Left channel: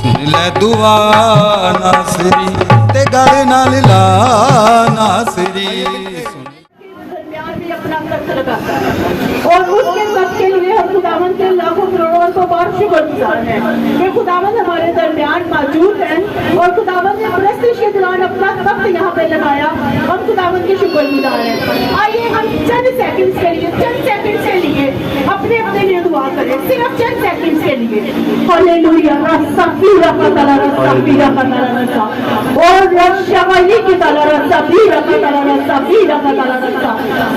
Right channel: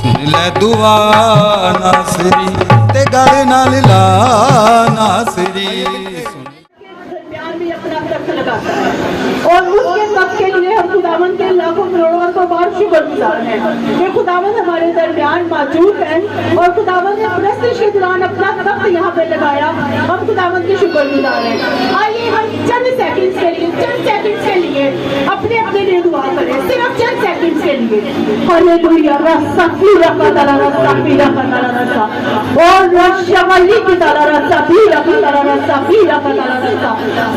सुन ले दुआ नासरी ते गल नाल ला नासरी। दरमियान भी अपना वक्त लगाता है और उसके वक्त के लिए हम खुदावन के लाखों करोड़ों को बहुत शुक्रगुजार हैं कि खुदावन हमारे दरमियान मौजूद है और खुदावन ने प्रस्तुत के दौरान अपना वक्त यहाँ पे लगाया। हम खुदावन के शुक्रगुजार हैं। आइए हम चंद सेकंड्स के लिए अपने अपने लिए दुआ करें, सिर्फ चंद सेकंड्स के लिए। हालेलुया रस्सफीरा कतरा रस्सफीरा कतरा रस्सा और रशवली की तरह रस्सफीरा कतरा रस्सफीरा कतरा रस्सा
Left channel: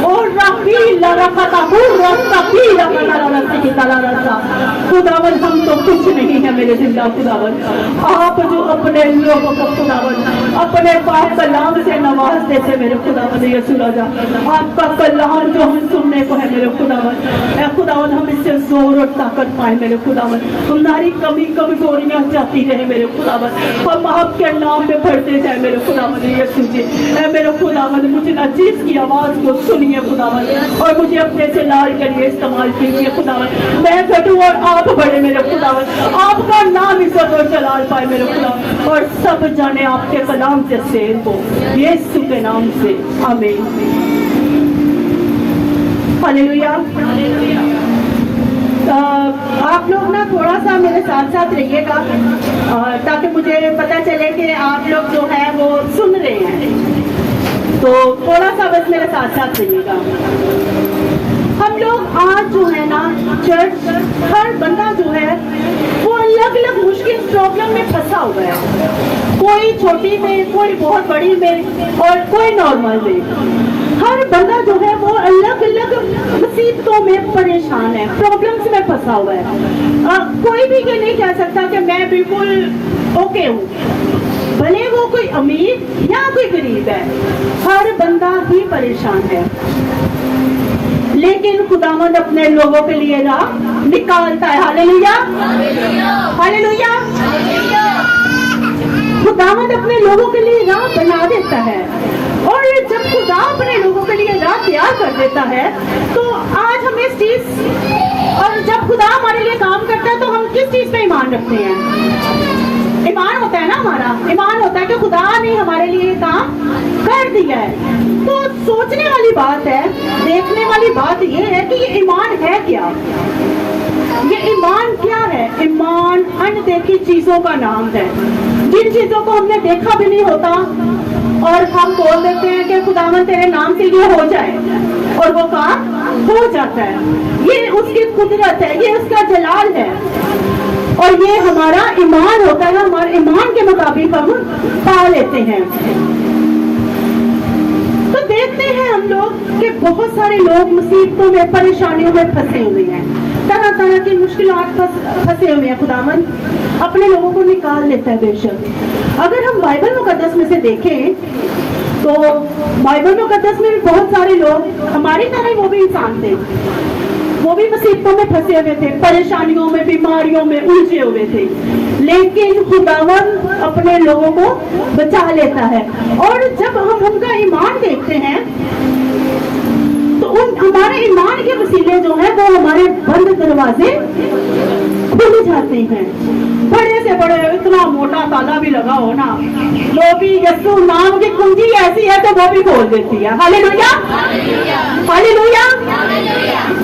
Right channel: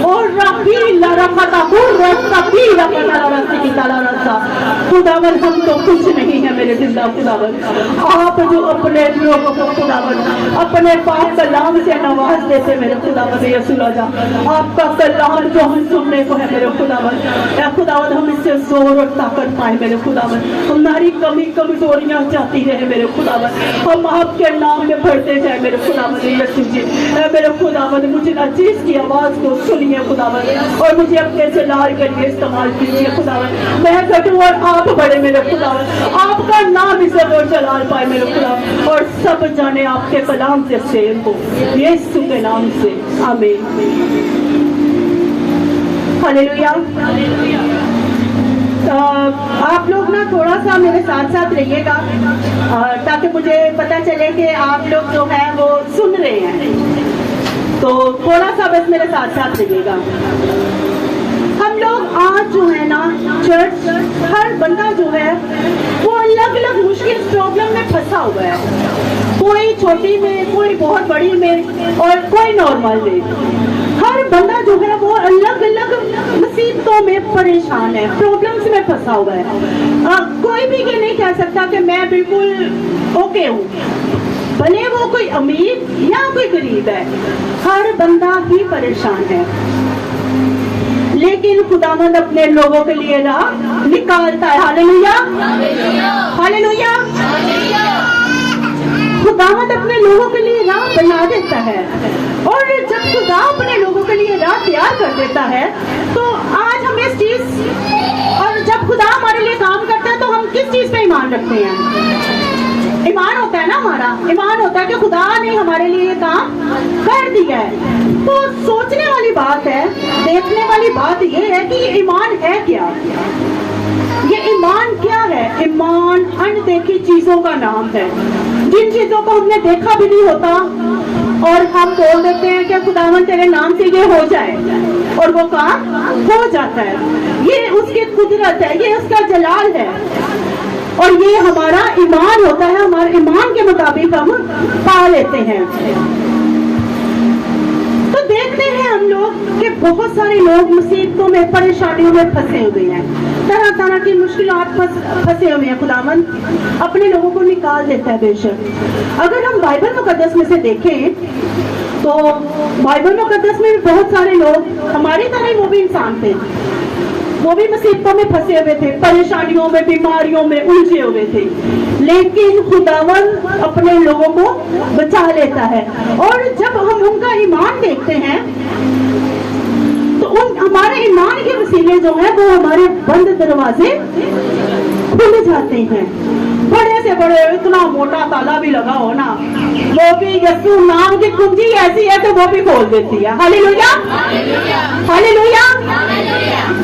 और रफीला रखता हूँ रस्सफीरा कतरा रस्सी की तरह रस्सा। खुदावन हम तो कुछ नहीं है मेरे जिंदा खुदावन, आप जो अपने लोगों को खुदावन अपने पाक कलाम से नवाज देते मेरे खुदावन यीशु राजा। आपका कलाम जो हम सुनने को है मेरे खुदावन, खुदावन हम इससे जोर और ताकत पाए मेरे खुदावन। हमारी कमी कमजोरियां जाती रहे मेरे खुदावन, हम आपके नाम में बढ़ते जाए मेरे खुदावन यीशु जी। मेरे खुदावन मुझे अजीज की आवाज को सुनिए खुदावन और मुझे अपने से लाल करिए, इस्तेमाल कीजिए खुदावन। मैं घटूं और आप बढ़े मेरे खुदावन, आपका नाम इज्जत और जलाल पाए मेरे खुदावन और सब जाने आपके कलाम से शेर हो यीशु के नाम से आमीन। हालेलुया। आप लोग ना थोड़ा सा मेरे साथ साथ रहिएगा ताकि मुझे पता चले कि आप लोग जो है वो सुन रहे हैं, तो थोड़ा सा बस मेरे साथ साथ रहिएगा। हम लोग आज जो है ना चर्च, हर बंदा जो है वो अलग अलग मुश्किल प्रॉब्लम में फंसा हुआ है, कोई छोटी में, कोई बहुत बड़ी में और कोई नॉर्मल में। हर बंदा जो है वो अलग अलग मुसीबतों में परेशान है, प्रॉब्लम्स में फंसा हुआ है। कोई भी ये नहीं कह सकता कि मैं बिल्कुल ओके हूँ, भले वो कोई अमीर या कोई गरीब है, हर बंदा ही परेशान है। लेकिन खुदावंद अपने लोगों के लिए राह निकालता है। Hallelujah hallelujah. खुदावंद अपने लोगों के लिए राह बना देता है और जब खुदा अपने लोगों के लिए राह तैयार कर देता है तो आज हम इस चीज, और जब खुदा हमारे लिए काम करता है तो हम किस चीज पे ईमान रखते हैं? ईमान होता है ना, हमारा ईमान होता है कि खुदा ने हमारे लिए काम कर दिया है। तो सोचने वाली बात है, देखने वाली बात ये है कि ये ईमान है क्या? ये ईमान क्या है? ईमान अनदेखी चीजों का नाम है, जिन चीजों को हमने देखा भी नहीं होता और हम बोल देते हैं कि खुदावन तेरे नाम से ये हो जाए और वो काम हो जाता है। ये उसकी कुदरत है, ये उसका जलाल है और ये हमारा ईमान होता है। हमारे ईमान के मुताबिक हम पा लेते हैं। तो देखते हैं हम लोग कि बहुत सारे लोग मुसीबतों में, परेशानियों में फंसे हुए हैं, तरह तरह की मुश्किलात फंसे हुए हैं। खुदावन अपने लोगों को निकाल लेता है बेशक। अगर हम बाइबल मुकद्दस में से देखें तो बाइबल मुकद्दस में बहुत सारे लोग हमारी तरह वो भी इंसान थे, वो भी मुसीबतों में फंसे हुए थे, परेशानियों में, बीमारियों में उलझे हुए थे, लेकिन खुदावन अपने लोगों को बचा लेता है। और जब हम उनका ईमान देखते हैं तो उन हमारे ईमान के वसीले जो है वो हमारे बंद दरवाजे खुल जाते हैं। बड़े से बड़े, इतना मोटा ताला भी लगा हो ना, वो भी यीशु नाम की कुंजी ऐसी है कि वो भी खोल देती है। Hallelujah hallelujah.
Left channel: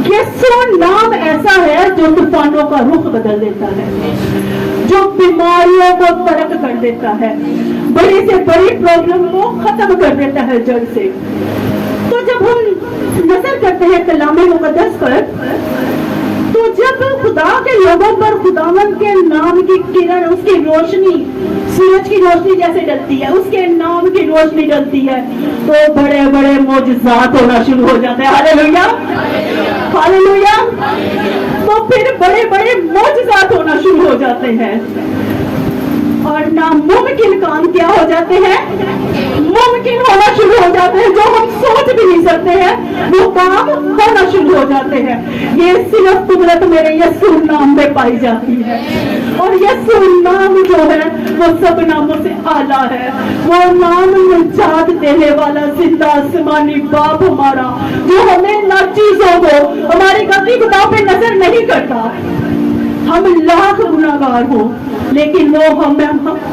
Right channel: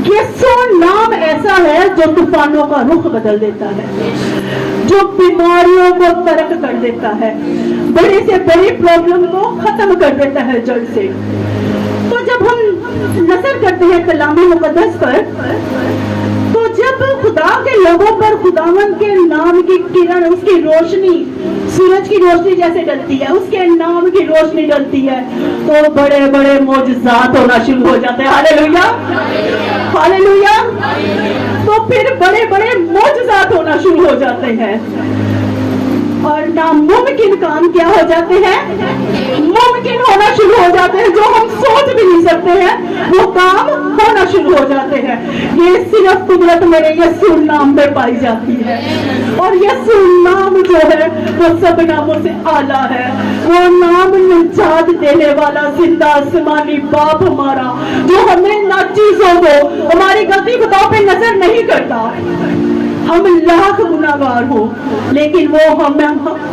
यीशु नाम ऐसा है जो तूफानों का रुख बदल देता है, जो बीमारियों को तर्क कर देता है, बड़ी से बड़ी प्रॉब्लम को खत्म कर देता है जड़ से। तो जब हम नजर करते हैं कलाम मुकद्दस पर, तो जब खुदा के लोगों पर खुदावन के नाम की किरण, उसकी रोशनी, सूरज की रोशनी जैसे डलती है, उसके नाम की रोशनी डलती है, तो बड़े बड़े मौजज़ात होना शुरू हो जाते हैं। Hallelujah hallelujah. तो फिर बड़े बड़े मौजज़ात होना शुरू हो जाते हैं और नामुमकिन काम क्या हो जाते हैं? मुमकिन होना शुरू हो जाते हैं। जो हम सोच भी नहीं सकते हैं वो काम होना शुरू हो जाते हैं। ये सिर्फ कुदरत मेरे यीशु नाम में पाई जाती है और यीशु नाम जो है वो सब नामों से आला है। वो नाम निजात देने वाला जिंदा आसमानी बाप हमारा, जो हमें ना चीजों को, हमारी गलती खुदा पे नजर नहीं करता, हम लाख गुनाहगार हो, लेकिन वो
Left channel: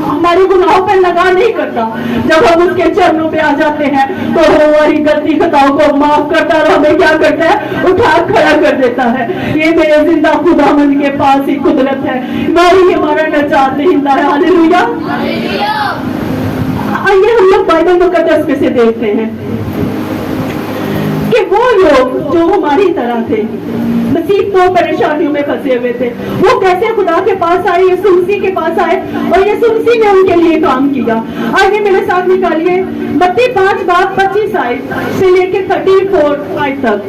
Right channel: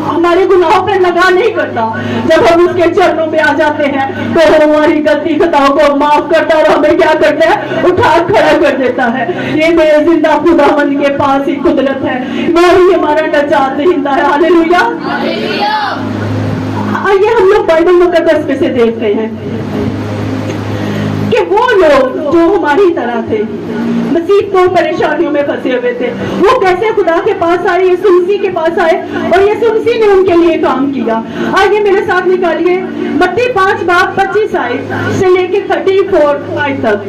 हमारे गुनाहों पर लगा नहीं करता। जब हम उसके चरणों पे आ जाते हैं तो हमारी गलती खताओं को माफ करता और हमें क्या करता है, उठा खड़ा कर देता है। ये मेरे जिंदा खुदावंद के पास ही कुदरत है, मैं ही हमारा नजात दहिंदा है। हालेलुया। आइए हम लोग बाइबल मुकद्दस कैसे देखते हैं कि वो लोग जो हमारी तरह थे, मुसीबतों परेशानियों में फंसे हुए थे, वो कैसे खुदा के पास आए, यीशु मसीह के पास आए और यीशु मसीह ने उनके लिए काम किया। आइए मेरे साथ निकालिए मत्ती 5:25 से लेके 34 तक।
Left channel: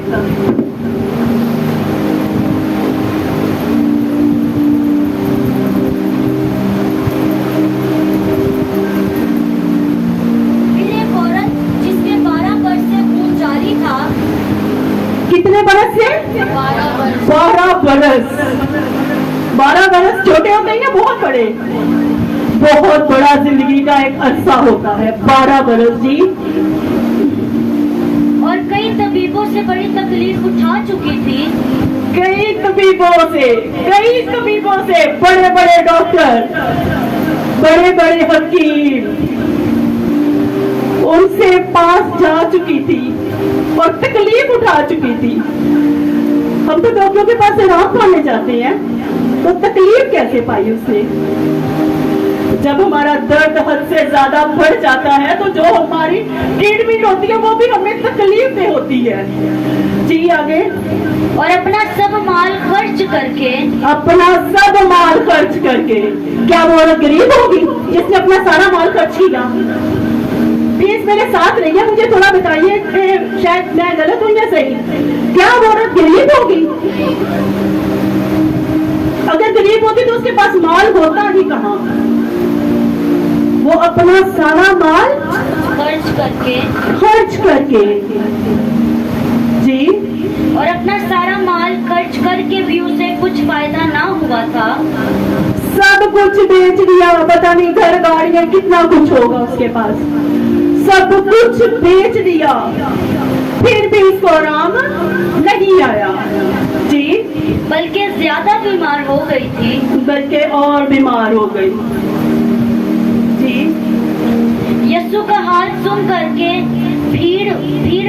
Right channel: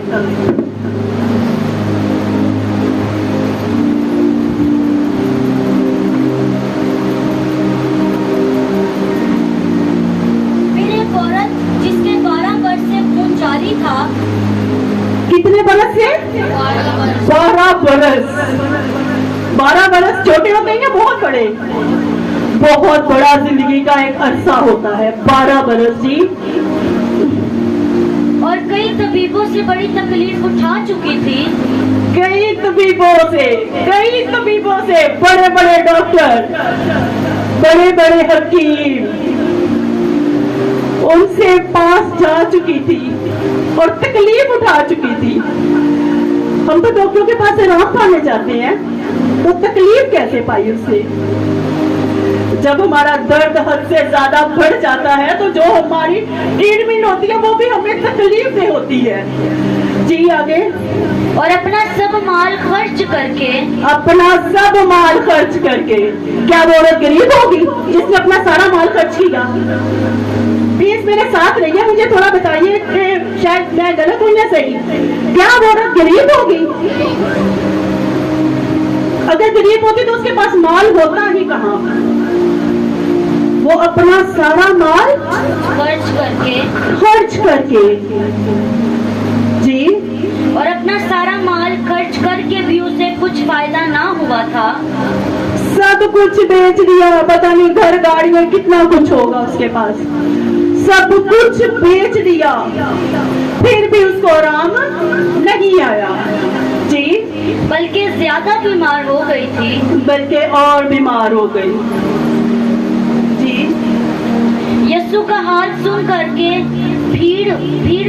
कितने बरस से? 12 बरस। 12 बरस छोटे होते हैं, बहुत बड़े, बहुत बड़ा जिंदगी का एक अरसा होता है 12 बरस जी। और कई तबीबों से बड़ी तकलीफ उठा चुकी थी। कई तबीबों से बड़े बड़े डॉक्टर, बड़े बड़े हकीम उनसे पास जा चुकी थी और तकलीफ उठा चुकी थी। हम तो डॉक्टरों के पास आराम पाने जाते हैं, तो तकलीफ कैसे पाई उससे? जब हमारा दर्द हद से ज्यादा बढ़ जाता है तो जो हमारी ट्रीटमेंट होती है वो भी हमें तकलीफ में होती है जी। आगे, और अपना सब माल खर्च करके, क्या वो औरत गरीब होगी जिसने अपना सारा माल खर्च किया? प्लीज मेरे साथ रहिए, मुझे थोड़ा बताइए, शायद मैं गलत हूँ या सही। क्या वो औरत गरीब होगी? अगर गरीब होती तो उसके पास माल होता ही कहाँ? वो अपना सारा माल खर्च करके जी, और अपना सारा माल खर्च करके भी उसे कुछ फायदा ना हुआ था। सब कुछ बेच दिया, पता नहीं घर गाड़ी में कितना कुछ होगा उसके पास, सब कुछ बेच दिया, फिर भी उसको आराम नहीं आया जी, बल्कि ज्यादा बीमार हो गई थी। बल्कि और बीमार हो गई जी। यीशु का हाल सुन करके भीड़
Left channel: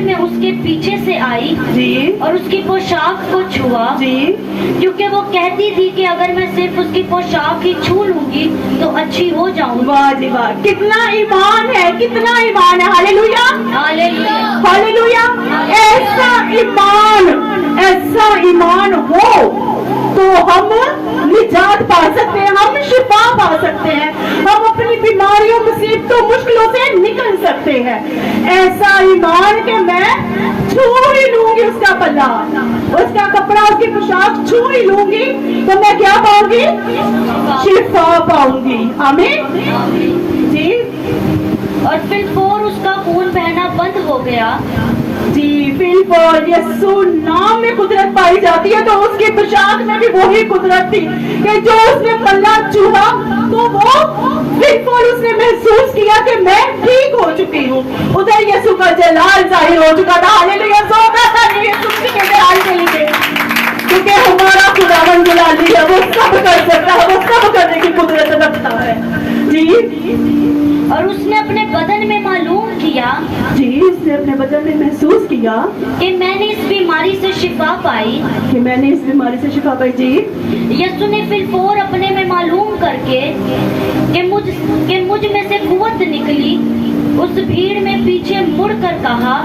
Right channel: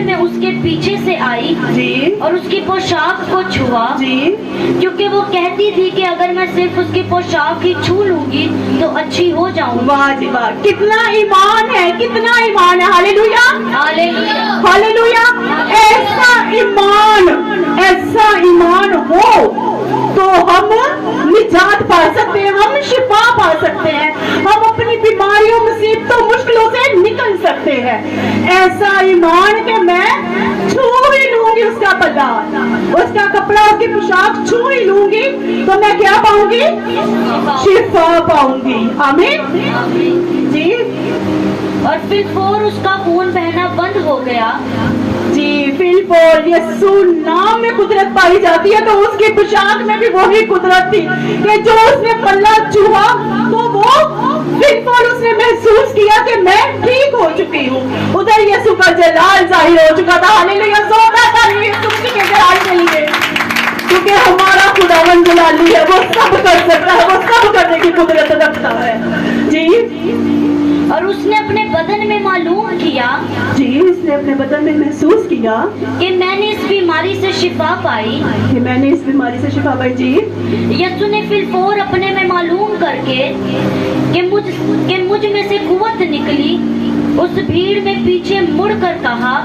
में उसके पीछे से आई जी, और उसकी पोशाक को छुआ जी, क्योंकि वो कहती थी कि अगर मैं सिर्फ उसकी पोशाक ही छू लूंगी तो अच्छी हो जाऊंगी। वाह जी वाह, कितना ईमान है, कितना ईमान है। Hallelujah, hallelujah, hallelujah. ऐसा ईमान हो तो हम निजात पा सकते हैं, हम शिफा पा सकते हैं, हम अपनी बीमारियों, मुसीबतों, मुश्किलों से निकल सकते हैं। ऐसा ईमान कि मैं छू ही लूंगी उसका पल्ला, उसका कपड़ा, उसकी पोशाक छू ही लूंगी तो मैं क्या पाऊंगी? शिफा पाऊंगी। आमीन जी। और फिर उसका खून बहना बंद हो गया जी। फिर यीशु नाम में कुदरत पाई जाती है तो उसकी पोशाक में भी वही कुदरत थी कि जो उसने पल्ला छुआ तो वो फिर उसने महसूस किया कि मैं ठीक हो चुकी हूँ। उधर यीशु का जलाल जाहिर हो चुका था। हालेलुया, यीशु के जलाल के लिए, क्योंकि हमारा खुदावंद जलाली है, वो सब कर सकता है, वो सब करने की कुदरत रखता है जी। और उसने अपने बदन में मालूम किया जी, उसने अपने बदन में महसूस किया कि मैंने इस बीमारी से शिफा पाई, जी। यीशु ने फिर अपने में मालूम करके कि मुझ में से कुव्वत निकली, उस भीड़ में पीछे मुड़कर कहा,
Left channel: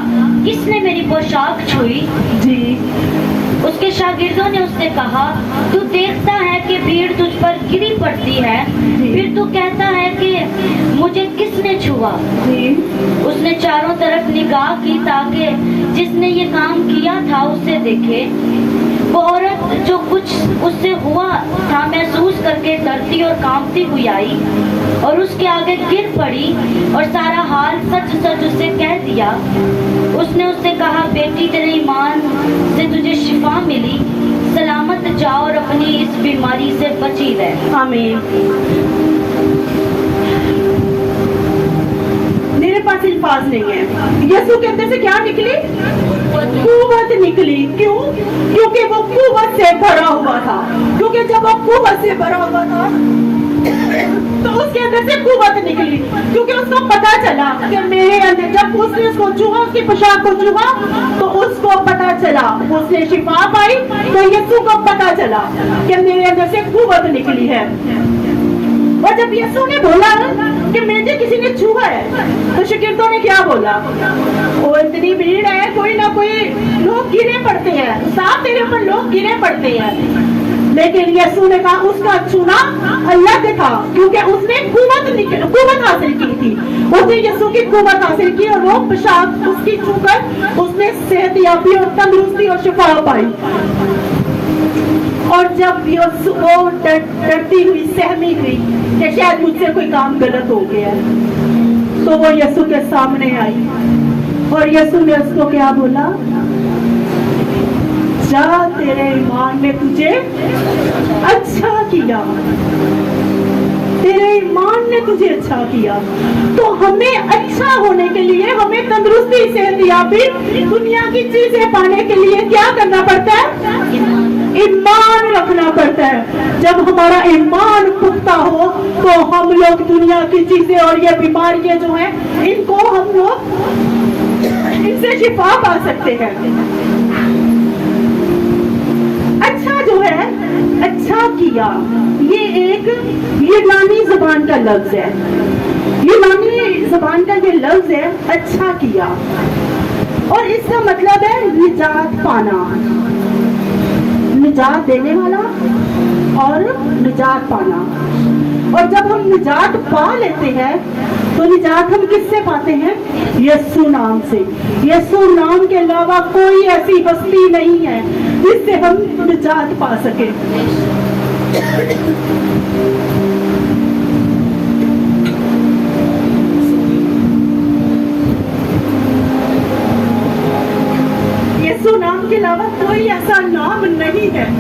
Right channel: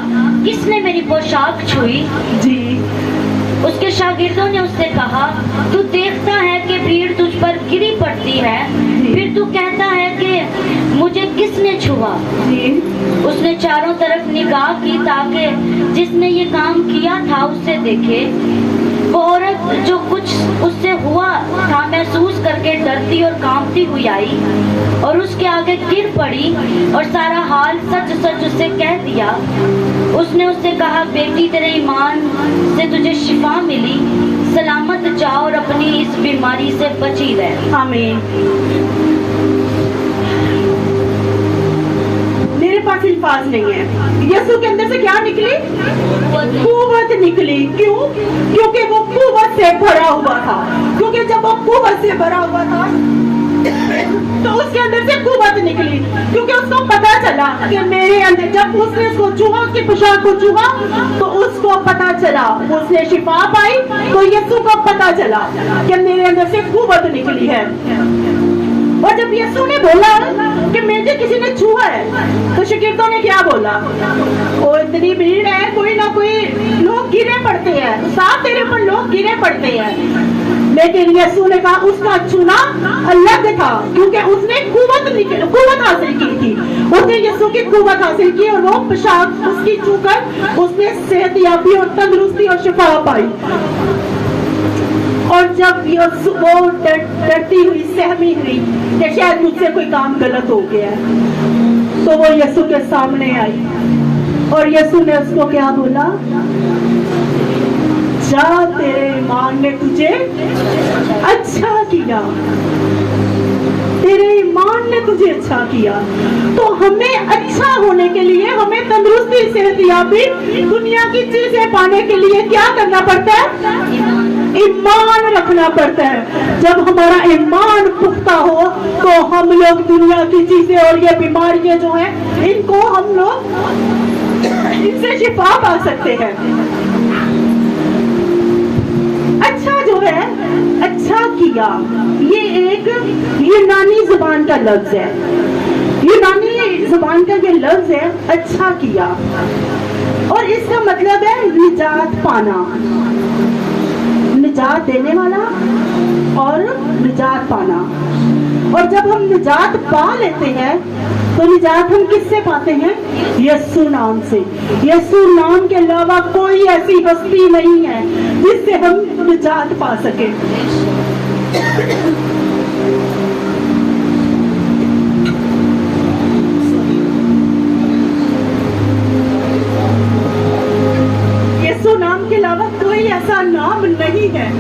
किसने मेरी पोशाक छुई? जी। उसके शागिर्दों ने उससे कहा, तू देखता है कि भीड़ तुझ पर गिरी पड़ती है, फिर तू कहता है कि मुझे किसने छुआ? उसने चारों तरफ निगाह की ताकि जिसने ये काम किया था उसे देखे। वो औरत जो कुछ उससे हुआ था महसूस करके डरती और कांपती हुई आई और उसके आगे गिर पड़ी और सारा हाल सच सच उसे कह दिया। उसने उससे कहा, बेटी तेरे ईमान से तुझे शिफा मिली, सलामत जा और अपनी इस बीमारी से बची रह। आमीन। मेरे पास अल्फाज नहीं है। यीशु के अंदर से क्या निकली? कुव्वत निकली। क्यों? क्योंकि वो कुव्वत से भरा हुआ था। क्योंकि जब वो कुव्वत से भरा हुआ था तो उसके अंदर से कुव्वत निकली। क्योंकि उसको पता चला कि मेरे अंदर, जब उसने उसको छुआ, उसकी पोशाक को छुआ, तो उसको पता चला, उसने शिफा पाई, तो यीशु को पता चला कि मेरे अंदर से कुव्वत निकली है। और जब यीशु ने बोला कि मुझे किसी ने छुआ है, तो शागिर्दों ने क्या बोला? वो इतनी भीड़ है, कोई ना कोई लोग गिरे पड़ते हैं, साथ तेरे ऊपर लोग गिरे पड़ते हैं। लेकिन यीशु ने कहा उसका छूना अलग था, क्योंकि उसने कुव्वत हासिल की थी। उसने यीशु की कुव्वत हासिल की और वो पोशाक उसकी छूकर उसने सेहतयाबी और तंदुरुस्ती और शिफा पाई। और जब वो डरती हुई, सहमी हुई कि शायद मुझसे कोई काम गलत हो गया है, तो वो यीशु के सामने आई और यीशु ने उसको क्या बोला? जा, तेरे ईमान ने तुझे अच्छा किया, तेरे ईमान ने तुझे अच्छा किया। तो हमें अच्छा होने के लिए, हमें तंदुरुस्ती, सेहतयाबी, दुनिया की चीजें पाने के लिए क्या करना पड़ता है? ईमान रखना पड़ता है। जब हमारा ईमान पुख्ता हो तो हम लोग दुनिया की चीजें और ये बीमारियां जो हैं, इनको हम लोग इनसे शिफा पा सकते हैं। अच्छा जो है, अच्छा किया, ये एक यूनानी जुबान का लफ्ज है। यूनानी जुबान का ये लफ्ज है अच्छा किया, और इसका मतलब है निजात पाना, निजात देने वाला और निजात पाना। और जब हम निजात पा लेते हैं तो निजात हम किससे पाते हैं? यीशु नाम से। यीशु नाम के अलावा कोई ऐसी बस्ती नहीं है जिससे हम निजात पा सके। यीशु नाम के अलावा कोई ऐसा नाम नहीं है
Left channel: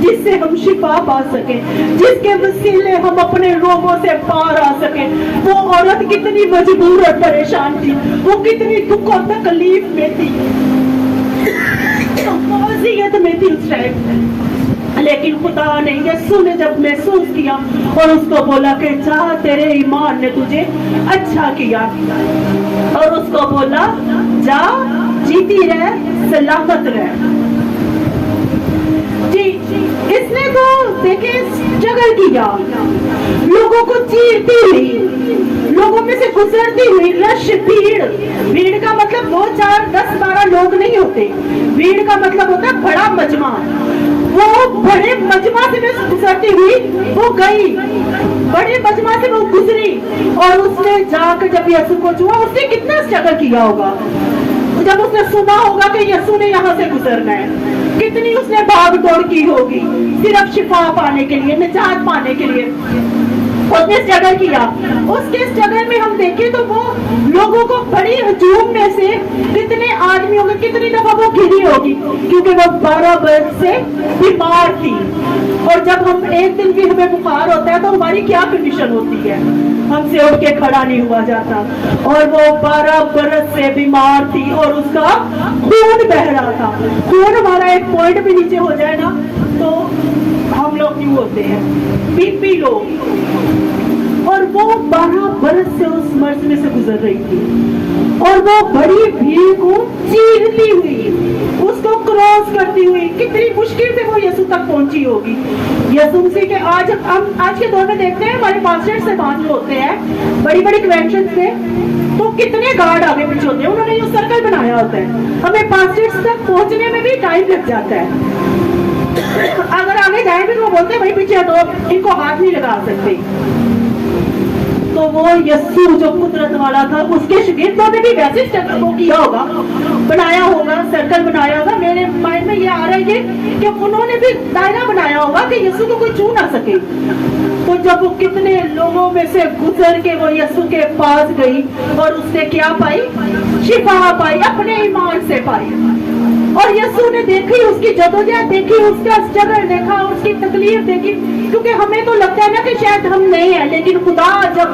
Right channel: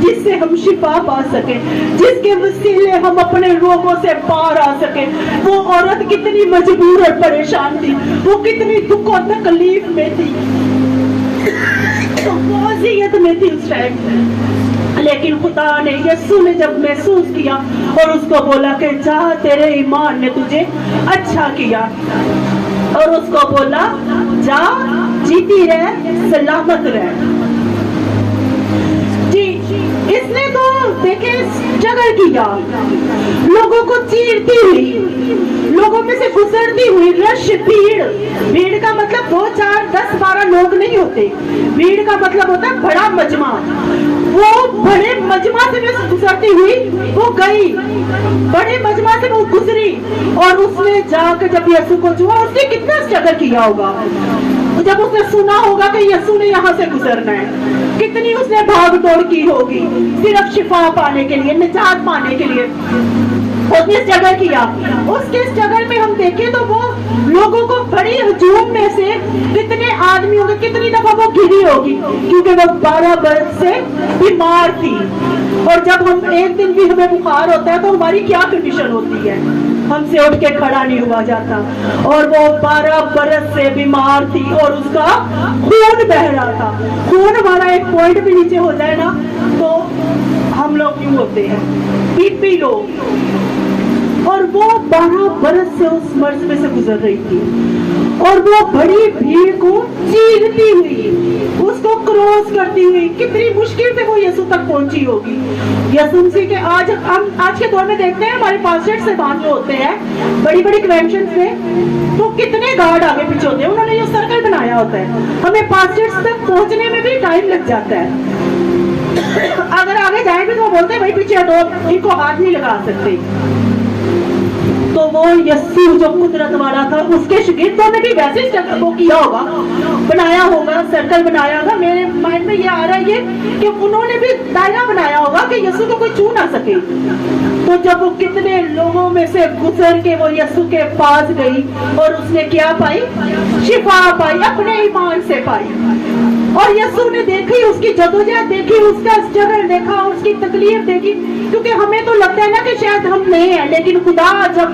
जिससे हम शिफा पा सके, जिसके वसीले हम अपने रोगों से पार आ सके। वो औरत कितनी मजबूर और परेशान थी, वो कितनी दुख और तकलीफ में थी, अज़ियत में थी उस टाइम। लेकिन खुदा ने, यीशु ने जब महसूस किया और उसको बोला कि जा, तेरे ईमान ने तुझे अच्छा किया, और उसको बोला जा, जीती रह, सलामत रह। जी, इसने तो देखे स्ट्रगल किया, लोगों को चीरती हुई, लोगों में से गुजरती हुई, रश, भीड़। भीड़ का मतलब 2, 4, 10, 12 लोग नहीं होते। भीड़ का मतलब होता है बड़ा मजमा। वो बड़े मजमा से गुजरती हुई वो गई, बड़े मजमा से वो गुजरी, और उसने जाकर जब यीशु को छुआ, उसने कितना स्ट्रगल किया होगा। जब उसने सुना होगा कि यीशु ने यहाँ से गुजरना है, कितनी उसने भाग दौड़ की होगी सिर्फ शिफा पाने के लिए, निजात पाने के लिए। उसने स्ट्रगल किया। उसके स्ट्रगल में हम देखें तो वो लोगों को बड़ी हजूम में से कितने आदमियों में कितनी दफा वो घिरी होगी, क्योंकि वो 12 वर्ष से बीमार थी। और जब हम एक दिन भी हमें बुखार होता है तो हमारी क्या कंडीशन होती है? हमसे उठ के खड़ा नहीं हुआ जाता। और वो 12 बरस से बीमार थी और उसका खून बह रहा था। खून हमारा एक पॉइंट भी नीचे हो जाए ना तो हम लोग क्यों होते हैं? BP low. और वो 12 बरस से उस मर्ज में से गुजर रही थी, और वो बड़ी भीड़ को चीरती हुई, उसको क्रॉस करती हुई, कितनी मुश्किल से वो यीशु तक पहुंची होगी। यीशु मसीह के आज के दौर में देखते हैं, हमारे पास्टर्स से जो होते हैं बड़ी बड़ी कन्वेंशन में, तो कितने गार्ड आगे पीछे होते हैं, उन्होंने ये सर्कल बनाया होता है। हमें पास्टर्स तक पहुंचने में भी टाइम लग जाता है। अगर आगे जाएंगे तो बोलते हैं भाई पीछे हटो, इनको हाथ नहीं लगा सकते। तो वो यीशु जो कुदरत वाला था, उसके शागिर्दों ने भी वैसे वो किया होगा, बनाया होगा, सर्कल बनाया होगा। मेरे माइंड में ये आ रहा है कि उन्होंने भी दायरा बनाया होगा कि यीशु को कोई छू ना सके। तो जब वो कितने लोगों में से गुजर के वो यीशु के पास गई और उसने क्या पाई? शिफा पाई, अपने ईमान से पाई। और यीशु ने देखी उसकी जदोजहद देखी, उसका स्ट्रगल देखा, उसकी तकलीफ देखी, क्योंकि हमें तो लगता है ना कि शायद हम नहीं है, लेकिन खुदा जब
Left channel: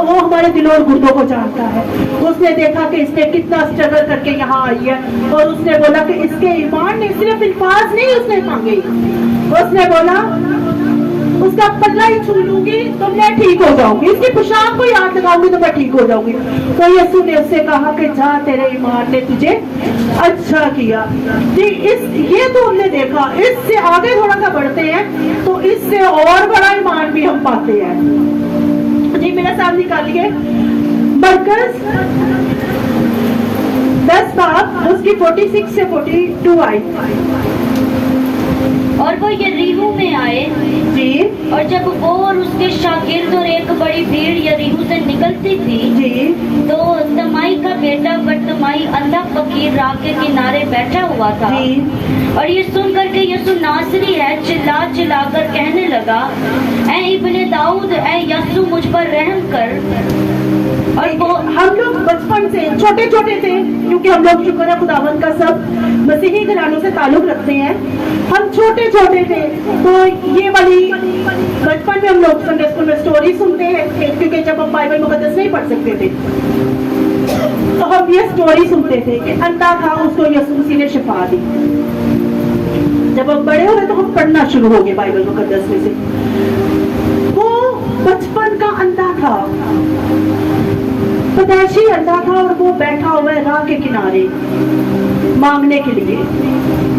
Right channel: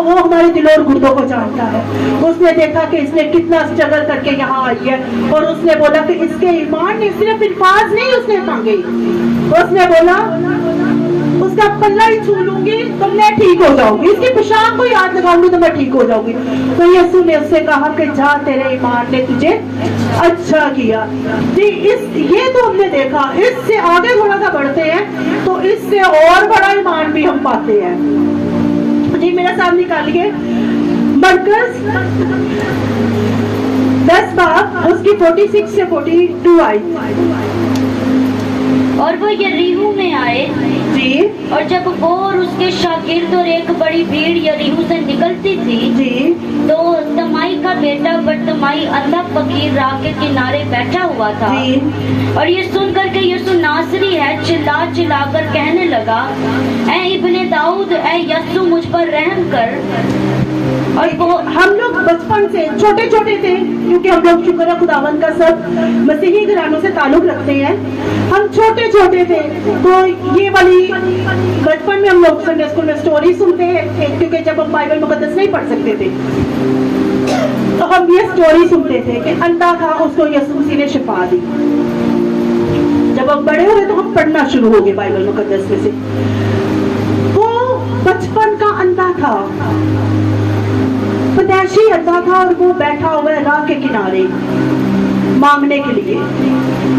वो हमारे दिलों और गुर्दों को जानता है। उसने देखा कि इसने कितना स्ट्रगल करके यहाँ आई है, और उसने बोला कि इसके ईमान ने सिर्फ अल्फाज नहीं उसने मांगे, उसने बोला उसका पल्ला ही छू लूंगी तो मैं ठीक हो जाऊंगी, इसकी पोशाक को याद लगाऊंगी तो मैं ठीक हो जाऊंगी। तो यीशु ने उससे कहा कि जा, तेरे ईमान ने तुझे अच्छा किया। जी, ये तो हमने देखा। इससे आगे थोड़ा सा बढ़ते हैं तो इससे और बड़ा ईमान भी हम पाते हैं। जी, मेरा साथ निकालिए मरकज 10 बाब उसकी 46 से 42 आई। और वो यरीहो में आए जी, और जब वो और उसके शागिर्द और एक बड़ी भीड़ यरीहो से निकलती थी जी, तो तमाई का बेटा बरतमाई अंधा फकीर राह के किनारे बैठा हुआ था। जी। और ये सुनकर के यीशु नासरी है चिल्ला चिल्ला कर कहने लगा, ऐ इब्ने दाऊद, ऐ यीशु मुझ पर रहम कर। और वो हम लोग बचपन से छोटे छोटे थे, क्योंकि हम लोग शुक्र है खुदावंद का सब मसीही घरानों से ताल्लुक रखते हैं। हम छोटे छोटे थे तो ये वाली बचपन में हम लोग संडे स्कूल में स्टोरी सुनते हैं, क्योंकि जब हम बाइबल मुकद्दस नहीं पढ़ सकते थे तो हम ये स्टोरी सुनते थे कि अंधा था, उसको यीशु मसीह ने शिफा दी। जब हम बड़े हुए तो हम पढ़ना शुरू हो गए बाइबल मुकद्दस में से। वो बचपन का अंधा था, पैदाइशी अंधा था, और वो बैठा हुआ है राह के किनारे मांगने के लिए।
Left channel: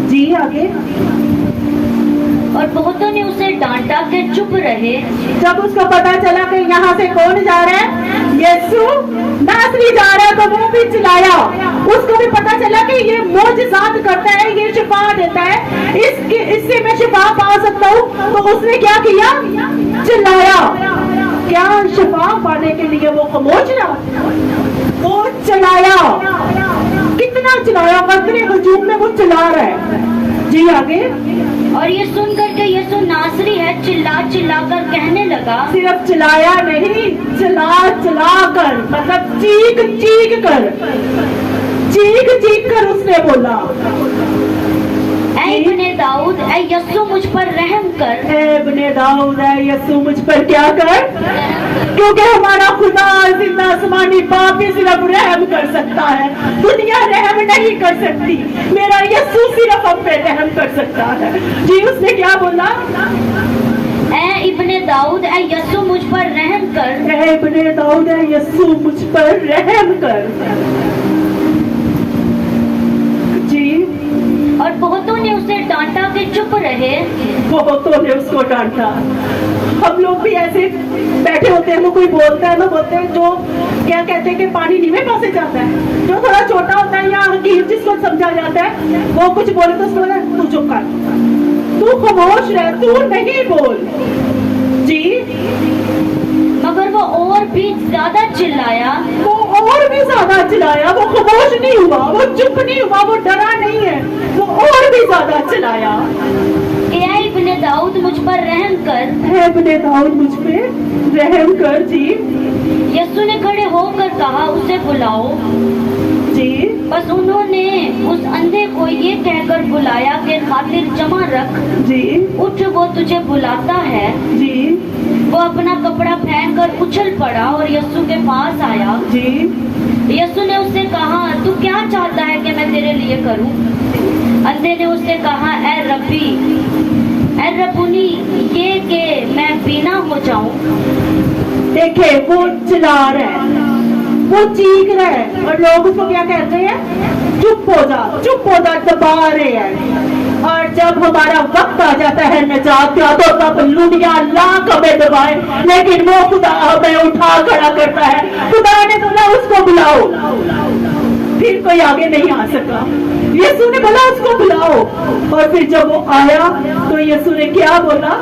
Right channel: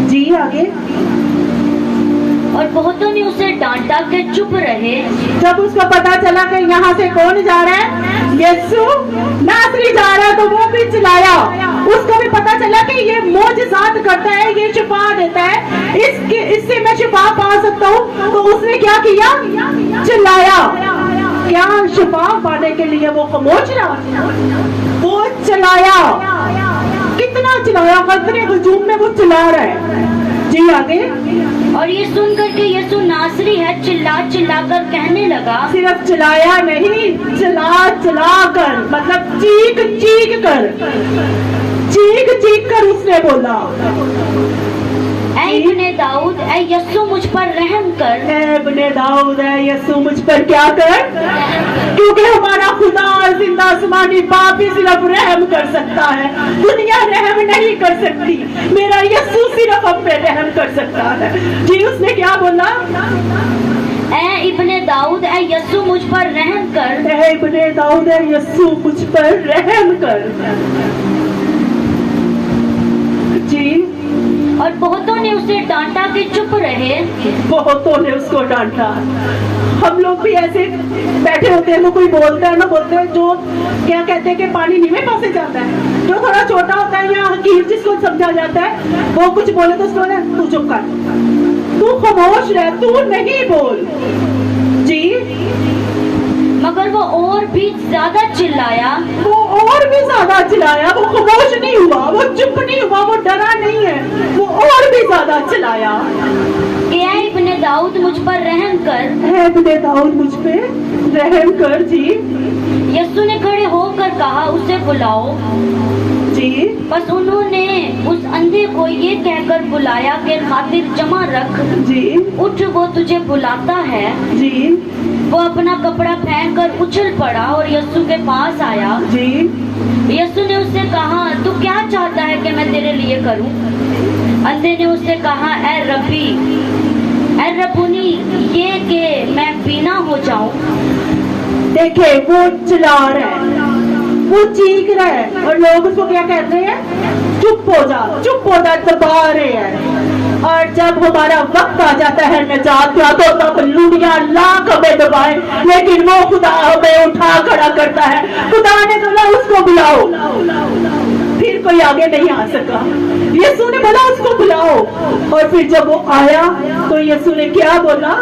जी, आगे। और बहुतों ने उसे डांटा कि चुप रहे। जब उसको पता चला कि यहाँ से कौन जा रहा है, यीशु नासरी जा रहा है, तो वो भी चिल्लाया। उसको भी पता चला कि ये मौजज़ात करता है, ये शिफा देता है, इससे मैं शिफा पा सकता हूँ। तो उसने क्या किया? चिल्लाया। क्या शिफा पाने के लिए वो खामोश रहा? वो चिल्लाया। कितना चिल्लाया? वक्र हुजूम में वो चिल्ला रहा है। जी, आगे। और ये सुनकर के यीशु नासरी है चिल्ला चिल्ला कर कहने लगा। सिर्फ चिल्लाया नहीं, चिल्ला चिल्ला कर, मतलब चीख चीख कर, चीख चीख कर उसने बोला, ऐ इब्ने दाऊद, ऐ यीशु मुझ पर रहम कर। ऐ इब्ने दाऊद, ऐ यीशु मुझ पर क्या कर? क्योंकि हमारा खुदा जिंदा आसमानी बाप ही सिर्फ रहम कर सकता है, दुनिया रहम नहीं कर सकती। मेरा यीशु सिर्फ हम पे रहम कर सकता है। जी, उसने क्या बोला? ऐ इब्ने दाऊद, ऐ यीशु मुझ पर रहम कर। ऐ इब्ने दाऊद, ऐ यीशु मुझ पर रहम कर। जी। और बहुतों ने उसे डांटा कि चुप रहे। बहुतों ने उसको डांटा। हम लोग भी ऐसे बैठे होते हैं, तो कोई बोलता है ना, बोलते हैं जो क्या कहते हैं कि पानी नीवे पास से जाता है, जो थोड़ा छोटा होता है या हकीम जिसको समझा जाता है, वो कुछ बोले तो उसको बोले तू चुप कर, तू खामोश रह, तू नहीं बोल। जी। मगर वो और भी ज्यादा चिल्लाया। वो और भी ज्यादा चिल्लाया। वो खामोश नहीं हुआ, वो चुप नहीं हुआ, वो डरा नहीं है, वो और भी ज्यादा चिल्लाया। ऐ इब्ने दाऊद मुझ पर रहम कर। ऐ इब्ने दाऊद मुझ पे रहम कर। जी। यीशु ने खड़े होकर कहा, उसे बुलाओ। जी। बस उन्होंने उस अंधे को ये कहकर बुलाया कि खातिर जमा रख, जी। उठ, वो तुझे बुलाता है। जी। वो अपना कपड़ा फेंक कर उछल पड़ा और यीशु के पास आया। जी। यीशु ने उससे कहा, तू क्या चाहता है कि मैं तेरे लिए करूं? अंधे ने उससे कहा, ऐ रब्बी, ऐ रब्बुनी, ये कि मैं बीना हो जाऊं। देखे, वो चिल्ला रहा है, वो चीख रहा है, और लोग उसको क्या कहते हैं? चुप हो जा, चुप हो जा, दबा रहे हैं। और जब हमारा वक्त आ जाता है निजात का, तो तब लुड़िया लाख हमें दबाए, लेकिन वो खुदा हमें उठा खड़ा करता है। खुदा ने बोला उसको बुलाओ, फिर कोई आगे नहीं आ सका। यीशु ने बोला उसको बुलाओ, और फिर जब वो आया तो यीशु ने क्या बोला?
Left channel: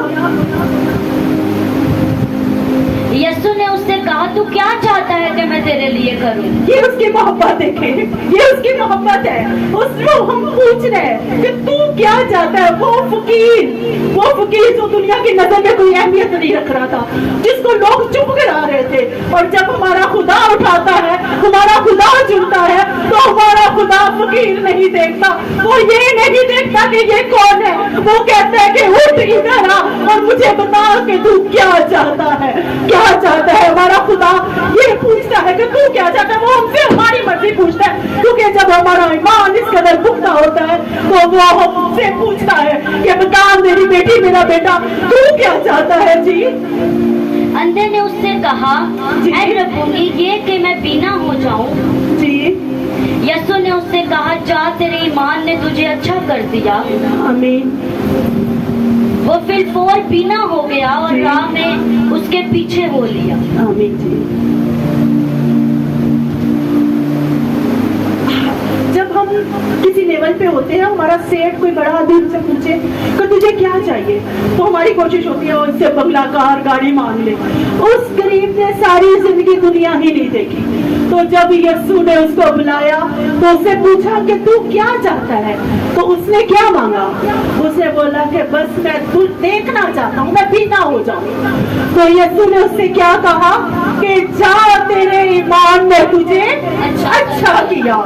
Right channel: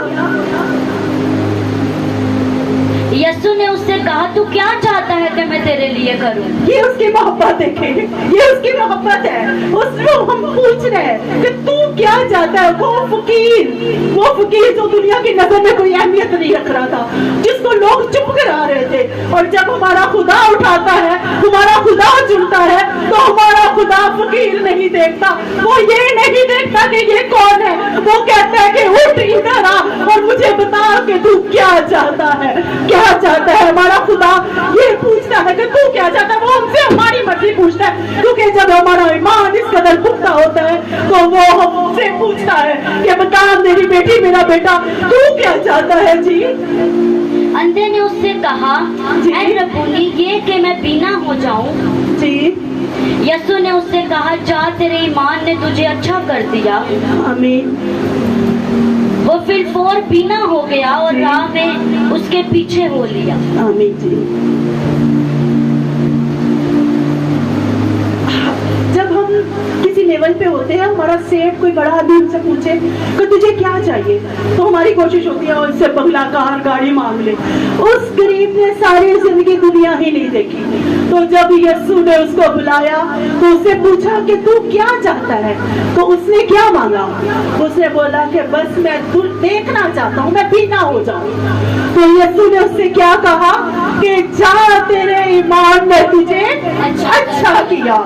यीशु ने उससे कहा, तू क्या चाहता है कि मैं तेरे लिए करूं? ये उसकी मोहब्बत देखे, ये उसकी मोहब्बत है। उसको हम पूछ रहे हैं कि तू क्या चाहता है। वो फकीर जो दुनिया की नजर में कोई अहमियत नहीं रख रहा था, जिसको लोग चुप करा रहे थे, और जब हमारा खुदा उठाता है, हमारा खुदा चुनता है, तो हमारा खुदा फकीर नहीं देखता। वो ये नहीं देखता कि ये कौन है, वो कहता है कि उठ इधर आ और मुझे बता कि तू क्या चाहता है, क्या चाहता है। हमारा खुदा ये पूछता है कि तू क्या चाहता है। वो हमसे हमारी मर्जी पूछता है, क्योंकि जब हमारा ईमान इस कदर पुख्ता होता है तो वो हमसे पूछता है कि बता मेरी बेटी, मेरा बेटा, तू क्या चाहता है। जी अंधे ने उससे कहा, ऐ रब्बूनी, ये कि मैं बीना हो जाऊं। जी यीशु ने उससे कहा, जा, तेरे ईमान ने तुझे अच्छा कर दिया। आमीन। वो फिर बीना हो गया और जी। राह में उसके पीछे हो लिया। आमीन जी। जब हम किसी लेवल पे होते हैं, हमारा सेठ कोई बड़ा आदमी हमसे पूछे कि तुझे क्या चाहिए, तो हमारी कोशिश होती है उससे बंगला, कार, गाड़ी मांग ले। उस गरीब ने सारी जिंदगी दुनिया ही नहीं देखी, तो जब यीशु ने उसको बुलाया तो उससे पूछा कि तू क्या चाहता है, तो उसने क्या मांगा। उसने बोला कि बस मैं तू देखना चाहता हूँ, मैं बीना हो जाऊँ। तो यीशु ने उससे क्या कहा कि जा, तेरे ईमान ने तुझे अच्छा किया,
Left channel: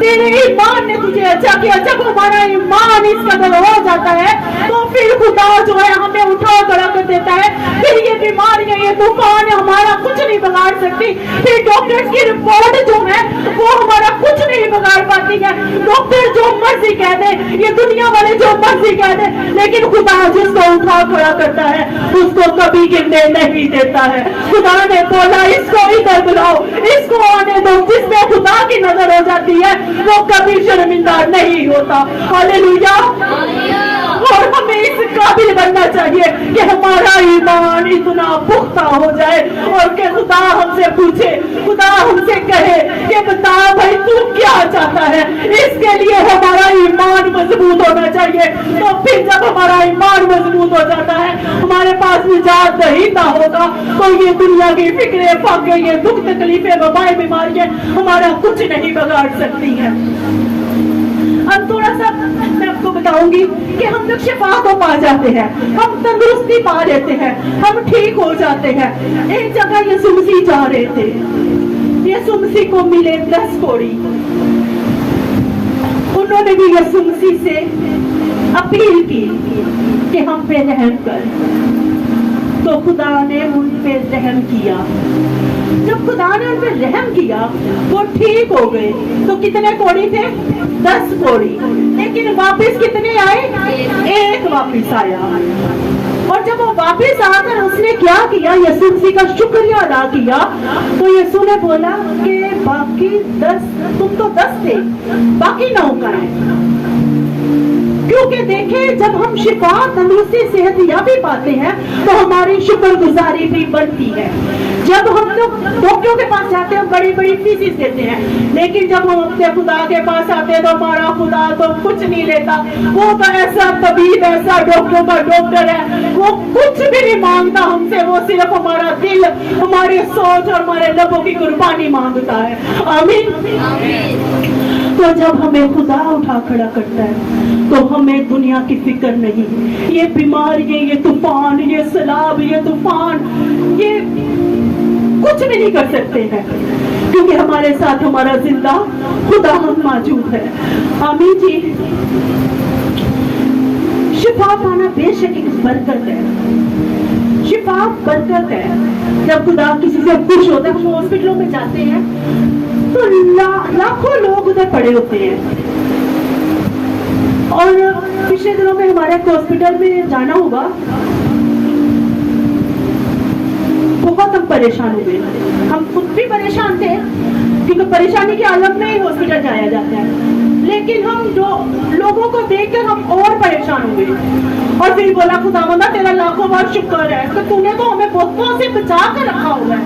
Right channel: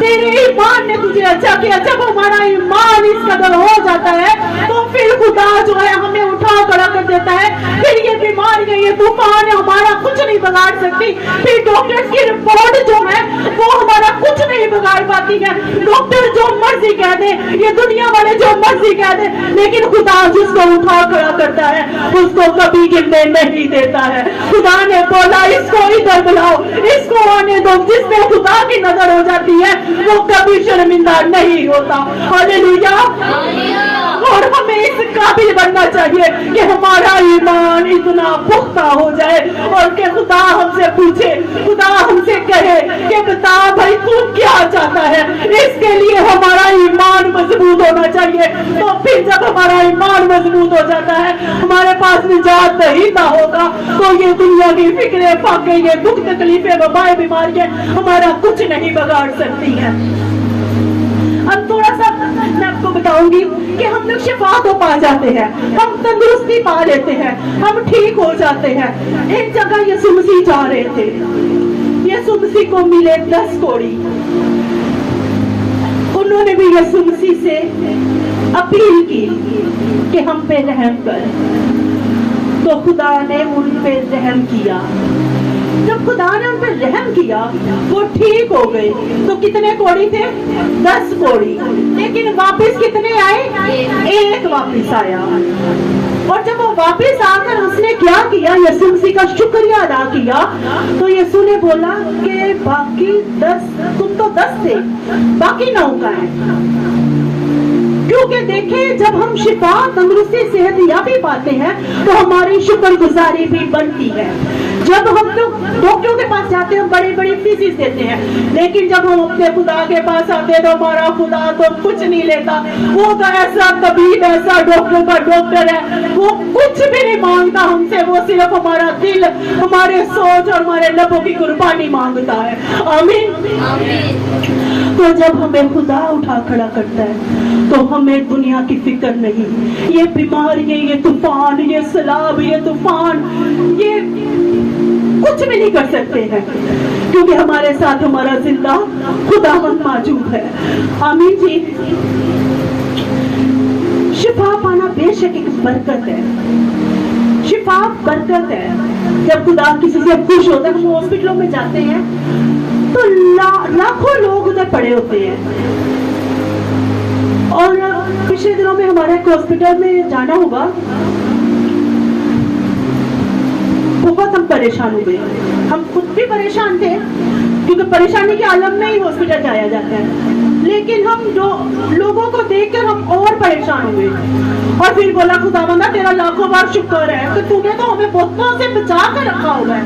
तेरे ईमान ने तुझे अच्छा किया। जब हमारा ईमान इस कदर हो जाता है तो फिर खुदा जो है हमें उठा खड़ा कर देता है। फिर ये बीमारियां, ये तूफान हमारा कुछ नहीं बिगाड़ सकती। फिर डॉक्टर्स की रिपोर्ट जो है वो हमारा कुछ नहीं बिगाड़ पाती है। डॉक्टर जो मर्जी कह दे, ये दुनिया वाले जो मर्जी कह दे, लेकिन खुदा जिसको उठा खड़ा करता है उसको कभी गिरने नहीं देता है। खुदा ने बोला, इसको इधर बुलाओ, इसको आने दो। जिसमें खुदा की नजर हो जाती है वो कभी शर्मिंदा नहीं होता। हालेलुया। और हमें इस काबिल बनना चाहिए कि हमारा ईमान इतना पुख्ता हो जाए और कि खुदा हमसे पूछे, खुदा हमसे कहे कि बता भाई तू क्या चाहता है। इसके लिए हमारा ईमान मजबूत होना चाहिए। तो फिर जब हमारा ईमान मजबूत हो जाता है, हमारे पास निजात दहीता होगा, तो ये दुनिया की फिक्रे, फाके, ये दुख, तकलीफें, वबाएं, बीमारियां हमारा कुछ नहीं बिगाड़ सकती हैं। अब थोड़ा सा मैं आपको बताऊंगी कि हम लोग शिफा तो पा जाते हैं, हम तंदुरुस्ती पा लेते हैं, हम ठीक हो जाते हैं। एक जगह यीशु मसीह जा रहे थे, यीशु मसीह को मिले 10 कोढ़ी। उन्होंने भी यीशु मसीह से अपील की कि हम पे रहम कर, तो खुदा ने उन पे रहम किया। जब खुदा ने उन पे रहम किया वो ठीक हो गए। तो कितने कोढ़ी थे? 10 कोढ़ी। लेकिन वापस कितने आए? एक वापस आया। और जब वो वापस आकर उसने क्या किया, यीशु मसीह का शुक्रिया अदा किया, तो यीशु ने बोला कि बाकी 10, तुम तो 10 थे, बाकी 9 का है। क्योंकि देखें, जब हम शिफा, तंदुरुस्ती, सेहत याबी पाते हैं तो हमारी शुक्रगुजारी भी बढ़ती है। जब हम तो डॉक्टरों के पास जाते हैं, बड़ी बड़ी फीसिस देते हैं, लेकिन जब हम अपने खुदा के पास आते हैं तो हमारा खुदा तो कुछ नहीं लेता। वो तो ऐसा तबीब, ऐसा डॉक्टरों का डॉक्टर है, वो कुछ भी नहीं मांगता हमसे। वो सिर्फ हमारा दिल, हमारे सोच और हमारे लबों की कुर्बानी मांगता है। आमीन। तो जब हमें खुदा उठा खड़ा करता है तो हमें दुनिया की फिक्र नहीं। ये बीमारियां, ये तूफान, ये सैलाब, ये तूफान, ये कुछ भी नहीं कर सकते हैं, क्योंकि हमारे साथ हमारा जिंदा खुदा हम मौजूद है। आमीन जी। शिफा पाना बेशक एक बरकत है, शिफा बरकत है। जब खुदा किसी से खुश होता है, हम हॉस्पिटलों में जाते हैं तो लाखों लोग उधर पड़े होते हैं। और पिछले दिनों में हमारे हॉस्पिटल में जाना हुआ, बहुत हम परेशान हुए, हम खुद भी परेशान थे क्योंकि परेशानी के आलम में ही हॉस्पिटल जाया जाता है। लेकिन हम जो लोगों को देखकर हम और परेशान हुए और फिर बोला खुदावंदा तेरा लाखों बार शुक्र है कि तूने तो हमें बहुतों से बचा के रखा हुआ है,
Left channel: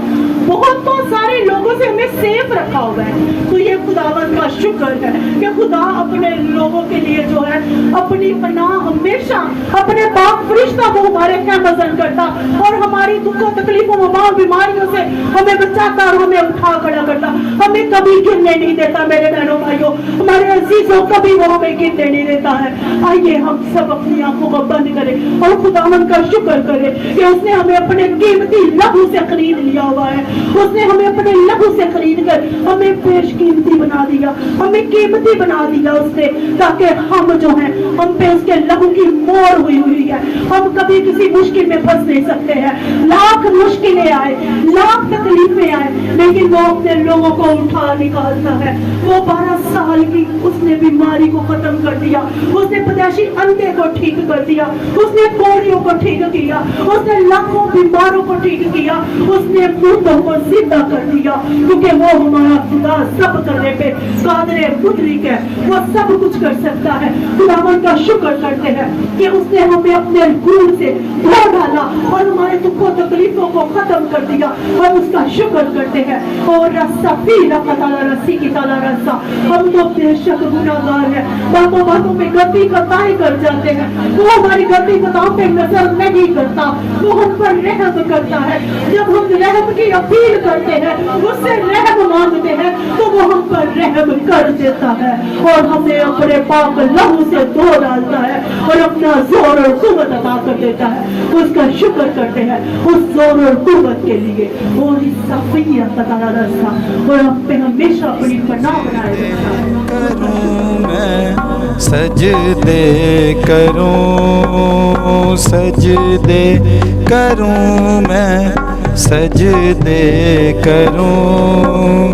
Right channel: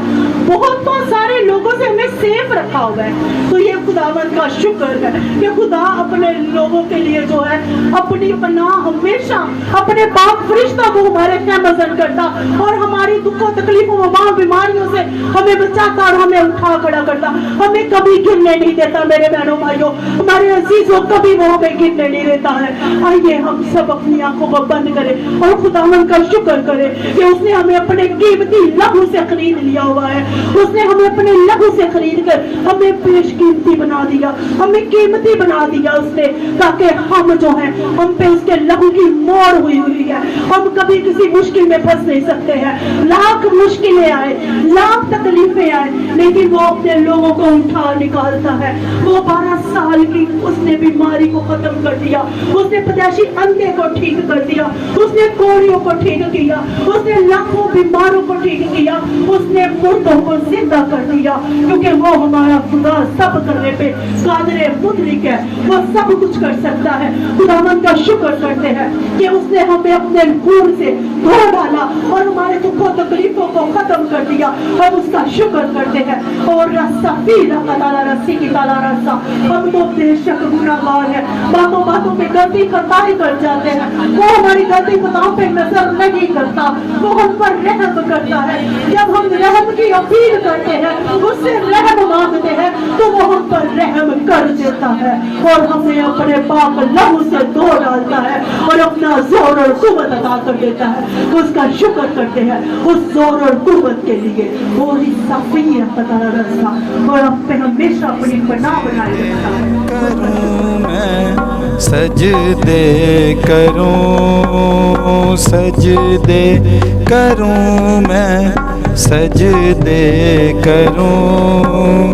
बहुतों सारे लोगों से हमें सेफ रखा हुआ है। तो ये खुदावंद का शुक्र है कि खुदा अपने लोगों के लिए जो है अपनी पनाह हमेशा अपने पाक फरिश्ता को हमारे कैमजन करता और हमारी दुखों तकलीफों वबाओं बीमारियों से हमें बचाता और हमें उठा खड़ा करता, हमें कभी गिरने नहीं देता। मेरे बहनों भाइयों, हमारे अजीजों कभी वो हमें गिरने नहीं देता है। आइए हम सब अपनी आंखों को बंद करें और खुदावंद का शुक्र करें कि उसने हमें अपने कीमती लहू से खरीद लिया हुआ है। उसने हमें अपने लहू से खरीद कर हमें बेशकीमती बना दिया, हमें कीमती बना दिया उसने, ताकि हम जो है हम पे उसके लहू की मोहर हुई हुई है। हम कभी किसी मुश्किल में फंस नहीं सकते हैं, लाख मुश्किलें आए, लाख तकलीफें आए, लेकिन वो अपने लोगों को उठा निकालता है। वो 12 साल की उसने बीमारी को खत्म कर दिया, उसने पैदाइशी अंधे को ठीक कर दिया, उसने कोढ़ियों को ठीक किया, उसने लाखों बीमारों को ठीक किया, उसने मुर्दों को जिंदा कर दिया, क्योंकि वो हमारा खुदा सब करने पे कादरे मुद्रिक है, वो सब कुछ कर सकता है। खुदावन का शुक्र करते हैं कि उसने हमें अपने खून से धो डाला और हमारे दुखों तकलीफों को खत्म कर दिया। हम उसका शुक्र करते हैं। और रस्सा फिर रस्सी की ताला रस्सा, हम तो बेशक गुनाहगार है, बातों बातों पे गलती खताएं कर जाते हैं, वो हमारी गलती खताओं पे नजर नहीं करता, वो हम पर रहम करता है। जब हम रहम की अपील करते हैं, उससे रहम मांगते हैं, तो वो हम पर रहम कर देता है और हमें अपने पाप लहू से धो डालता है और अपना जोर और कुव्वत अता कर देता है। तो उसका शुक्र करते हैं उस जोर और कुव्वत के लिए। और इस सफीर पता रस्सा और हम पे हमेशा अपनी पनाह बनाए रखता है। करूं मैं सजदे करूं, सजदे करूं मैं सजदे करूं,